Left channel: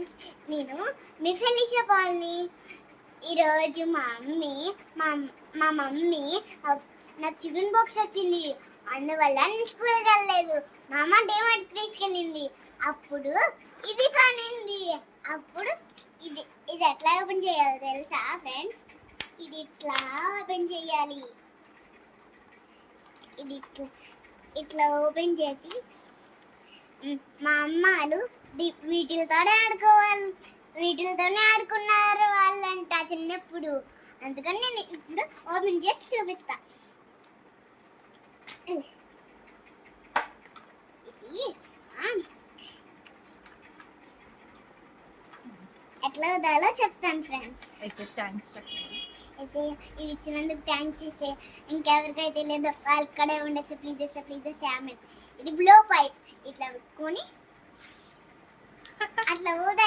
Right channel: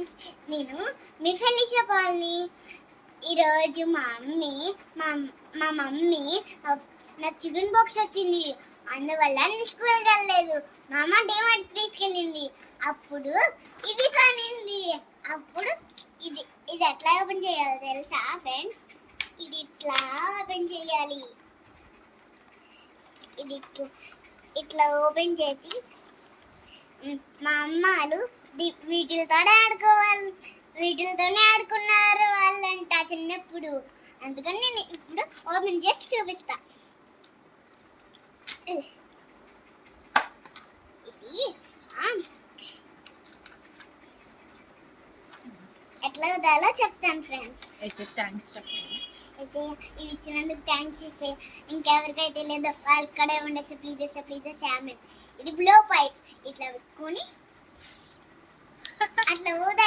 Friends, నేను మీ ఫెలిషియా పాల్ని. ఈరోజు మా మమ్మీ నాకు చికెన్ బాక్స్ వచ్చింది, అందువల్ల నేను స్కూల్కి వెళ్ళలేదు. మా అమ్మ డేమార్ట్కి తీసుకెళ్ళింది. అప్పుడు ఇది కొనింది. అప్పుడు ఇది ఇది ఎట్లా ఓపెన్ చేయాలో తెలుసా ఫ్రెండ్స్? ఇది ఇట్లా ఓపెన్ చేయాలి. ఇది ఇట్లా ఓపెన్ చేసి మా అమ్మాలు వీటితోనే ఆడుకున్నారు వాళ్ళంట చిన్నప్పుడు. అందుకని నేను ఇప్పుడు ఓపెన్ చేసి చూపిస్తా. ఇది ఎట్లా వదాలో చెప్తాను ఫ్రెండ్స్. అయితే థ్యాంక్స్ చెప్పండి. ఇది ఇచ్చినందుకు థ్యాంక్స్ ఇసే. ఇంకెవరికైతే లేదో వాళ్ళు ఇక్కడే ఉండేసి ప్లీజ్ ఆమె. ఇది బ్లో పైప్ ఇట్లా పెట్టుకొని అట్లా ఊదాలి.